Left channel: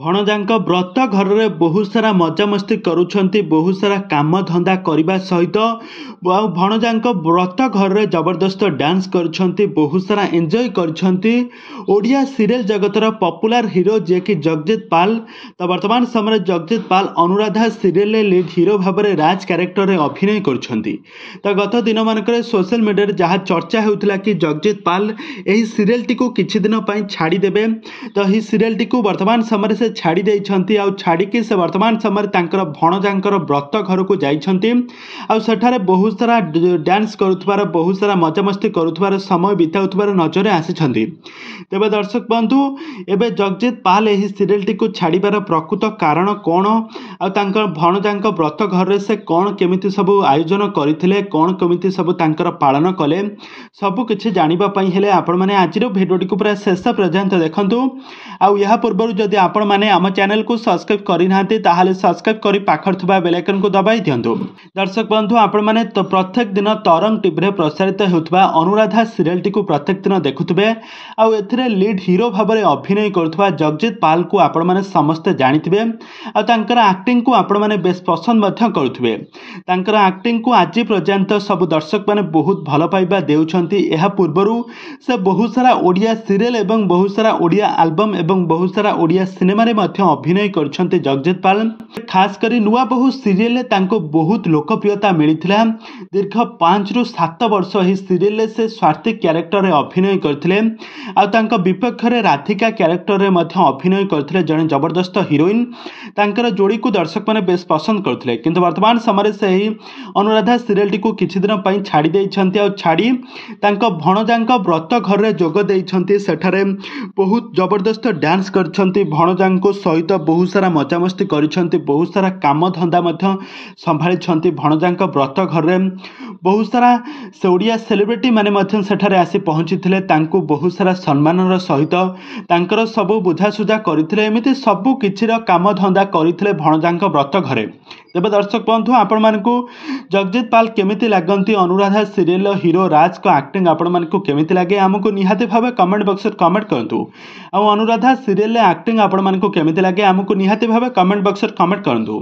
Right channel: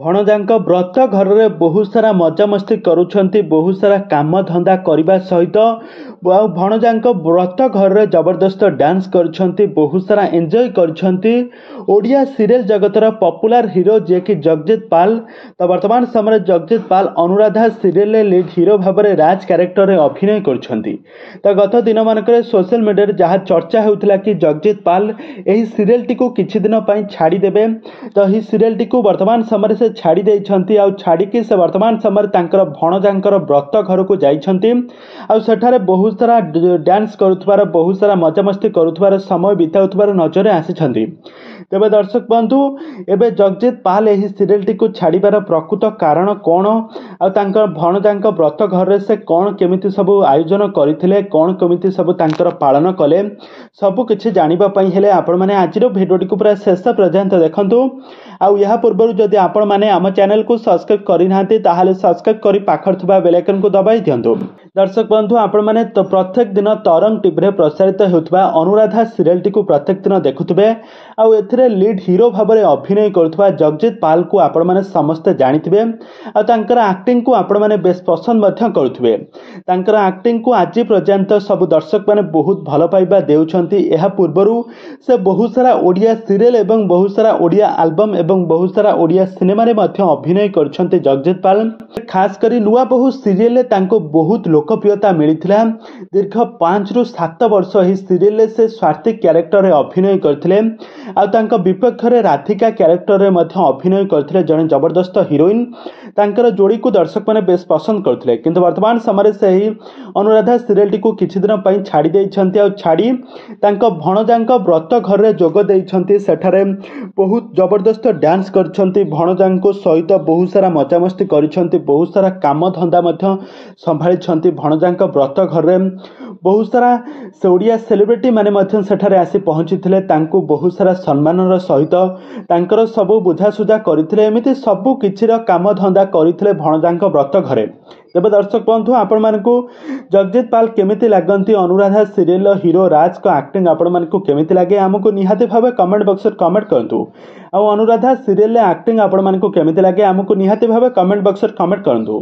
ଭଣଜାଙ୍କ ବ୍ରତ ଘରରେ ବହୁତ ସାରା ମଜାମସ୍ତି କରୁଛନ୍ତି, ବହୁତ ସାରା କାମ ଧନ୍ଦା କରିବା ସହିତ ଆଉ ଭଣଜାଙ୍କ ବ୍ରତ ଘରରେ ଜବରଦସ୍ତ ଡ୍ୟାନ୍ସ କରିଛନ୍ତି, ବହୁତ ସାରା ଏନ୍ଜୟ କରିଛନ୍ତି। ଓଡ଼ିଆ ସିରିଏଲ ଜଗତର ପପୁଲାର ହିରୋ ଯିଏକି ଜଗଜିତ ପାଲ। ତ ବର୍ତ୍ତମାନ ସମୟରେ ଜଗଜିତ ପାଲ ଅନୁରାଧା ସିରିଏଲରେ ଲିଡ୍ ହିରୋ ଭାବରେ ରାଜ କ୍ୟାରେକ୍ଟରରେ ଅଭିନୟ କରୁଛନ୍ତି। ତ ଗତ ଦିନମାନଙ୍କରେ ସୋସିଆଲ ମିଡ଼ିଆରେ ଯାହା ଚର୍ଚ୍ଚା ହେଉଥିଲା କି ଜଗଜିତ ପାଲ ଏହି ସିରିଏଲଟିକୁ କିଛି ଦିନ ପାଇଁ ଛାଡ଼ିଦେବେ। ତ ଏହି ସିରିଏଲଟିକୁ ବର୍ତ୍ତମାନ ସମୟରେ ସେ ଛାଡ଼ି ଦେଇଛନ୍ତି ଆଉ ଛାଡ଼ିକି ସେ ବର୍ତ୍ତମାନ ସମୟରେ ତାଙ୍କର ଭଣଜାଙ୍କର ବ୍ରତ ଘରକୁ ଯାଇଛନ୍ତି ଆଉ ସେଠାରେ ବହୁତ ସାରା ଡ୍ୟାନ୍ସ କରୁଥିବାର, ବହୁତ ସାରା ମଜାମସ୍ତି କରୁଥିବାର, ସମୟ ବିତାଉଥିବାର ନଜରରେ ଆସିଛନ୍ତି। ତେବେ ଦର୍ଶକ ବନ୍ଧୁ, ଏବେ ଜଗଜିତ ପାଲ ଏହି ସିରିଏଲଟିକୁ ଛାଡ଼ିବାର ପ୍ରକୃତ କାରଣ କ'ଣ ଆଉ ତାଙ୍କ ଭଣଜାଙ୍କ ବ୍ରତ ଘରରେ ସେ କ'ଣ କେମିତି ସବୁ ଆୟୋଜନ କରିଥିଲେ, କ'ଣ କେମିତି ସବୁ ତାଙ୍କର ପାଳନ କଲେ, ସବୁ କିଛି ଜାଣିବା ପାଇଁ ହେଲେ ଆପଣମାନେ ଆଜିର ଭିଡ଼ିଓଟିକୁ ପୁରା ଶେଷ ପର୍ଯ୍ୟନ୍ତ ଦେଖନ୍ତୁ। ଆଉ ଏହା ପୂର୍ବରୁ ଯଦି ଆପଣମାନେ ଆମ ଚ୍ୟାନେଲକୁ ସବସ୍କ୍ରାଇବ୍ କରିନାହାନ୍ତି ତାହେଲେ ସବସ୍କ୍ରାଇବ୍ କରି ପାଖରେ ଥିବା ବେଲ୍ ଆଇକନକୁ ଦବାଇ ଦିଅନ୍ତୁ। ଦର୍ଶକ ବନ୍ଧୁ, ଆପଣମାନେ ତ ପ୍ରତ୍ୟେକ ଦିନ ତରଙ୍ଗ ଟିଭିରେ ପ୍ରସାରିତ ହେଉଥିବା ଅନୁରାଧା ସିରିଏଲଟିକୁ ପ୍ରତ୍ୟେକ ଦିନ ଦେଖୁଥିବେ ଆଉ ଏଥିରେ ଲିଡ୍ ହିରୋ ଭାବରେ ଅଭିନୟ କରୁଥିବା ଜଗଜିତ ପାଲକୁ ଆପଣମାନେ ସମସ୍ତେ ଜାଣିଥିବେ ଆଉ ତାଙ୍କର ଆକ୍ଟିଂକୁ ଆପଣମାନେ ବେଶ୍ ପସନ୍ଦ ମଧ୍ୟ କରୁଥିବେ। ତାଙ୍କର ଆକ୍ଟିଂକୁ ଆଜି ପର୍ଯ୍ୟନ୍ତ ସବୁ ଦର୍ଶକମାନେ ବହୁତ ଭଲ ପାଇବା ଦେଉଛନ୍ତି। ଏହା ପୂର୍ବରୁ ସେ ବହୁତ ସାରା ଓଡ଼ିଆ ସିରିଏଲ ଏବଂ ବହୁତ ସାରା ଓଡ଼ିଆ ଆଲବମ୍ ଏବଂ ବହୁତ ସାରା ଓଡ଼ିଆ ସିନେମାରେ ମଧ୍ୟ ଅଭିନୟ କରିଛନ୍ତି ଜଗଜିତ ପାଲ। ଖାସ କରି ନୂଆ ବୋହୂ ସିରିଏଲରେ ତାଙ୍କୁ ବହୁତ ଲୋକପ୍ରିୟତା ମିଳିଥିଲା। ଦୀର୍ଘ 5ରୁ 7 ବର୍ଷ ଏହି ସିରିଏଲରେ ସେ ସ୍ୱାତି କ୍ୟାରେକ୍ଟରରେ ଅଭିନୟ କରିଥିଲେ ଆଉ ତାଙ୍କ ବିପକ୍ଷରେ ରାଧିକା କ୍ୟାରେକ୍ଟରରେ ମଧ୍ୟ ଅଭିନୟ କରିଥିଲେ ଜଣେ ଜବରଦସ୍ତ ହିରୋଇନ୍। ତାଙ୍କର ଯୋଡ଼ିକୁ ଦର୍ଶକମାନେ ବେଶ୍ ପସନ୍ଦ କରୁଥିଲେ, କିନ୍ତୁ ବର୍ତ୍ତମାନ ସମୟରେ ସେହି ଅନୁରାଧା ସିରିଏଲଟିକୁ କିଛି ଦିନ ପାଇଁ ଛାଡ଼ି ଦେଇଛନ୍ତି ଆଉ ଛାଡ଼ି ତାଙ୍କ ଭଣଜାଙ୍କ ବ୍ରତ ଘରରେ ଯୋଗ ଦେଇଛନ୍ତି। ସେଠାରେ ବହୁତ ଜବରଦସ୍ତ ଡ୍ୟାନ୍ସ କରିଛନ୍ତି, ଭଣଜାଙ୍କ ସହିତ ବହୁତ ସାରା ମଜାମସ୍ତି କରିଛନ୍ତି, ବହୁତ ସାରା କାମ ଧନ୍ଦା ମଧ୍ୟ ସମ୍ଭାଳିଛନ୍ତି ଭଣଜାଙ୍କ ବ୍ରତ ଘରରେ। ବହୁତ ସାରା ଓଡ଼ିଆ ସେଲିବ୍ରିଟି ମାନେ ମଧ୍ୟ ସେଠାରେ ଆସି ପହଞ୍ଚିଥିଲେ, ତାଙ୍କୁ ବହୁତ ସାରା ସମ୍ମାନର ସହିତ ତାଙ୍କର ସବୁ ବୁଝାସୁଝା କରିଥିଲେ, ଏମିତି ସବୁ କିଛିର କାମ ଧନ୍ଦା କରିଥିଲେ ଭଣଜାଙ୍କ ବ୍ରତ ଘରେ। ତେବେ ଦର୍ଶକ ବନ୍ଧୁ, ଆପଣମାନଙ୍କୁ ଜଗଜିତ ପାଲ କେମିତି ଲାଗନ୍ତି, ଅନୁରାଧା ସିରିଏଲର ହିରୋ ରାଜଙ୍କ ଆକ୍ଟିଂ ଆପଣମାନଙ୍କୁ କେମିତି ଲାଗେ, ଆମକୁ ନିହାତି ଭାବେ କମେଣ୍ଟ ବକ୍ସରେ କମେଣ୍ଟ କରନ୍ତୁ। ଆଉ ଅନୁରାଧା ସିରିଏଲରେ ଆକ୍ଟିଂ ଆପଣମାନଙ୍କୁ କେମିତି ଲାଗେ, ଆମକୁ ନିହାତି ଭାବେ କମେଣ୍ଟ ବକ୍ସରେ କମେଣ୍ଟ କରନ୍ତୁ।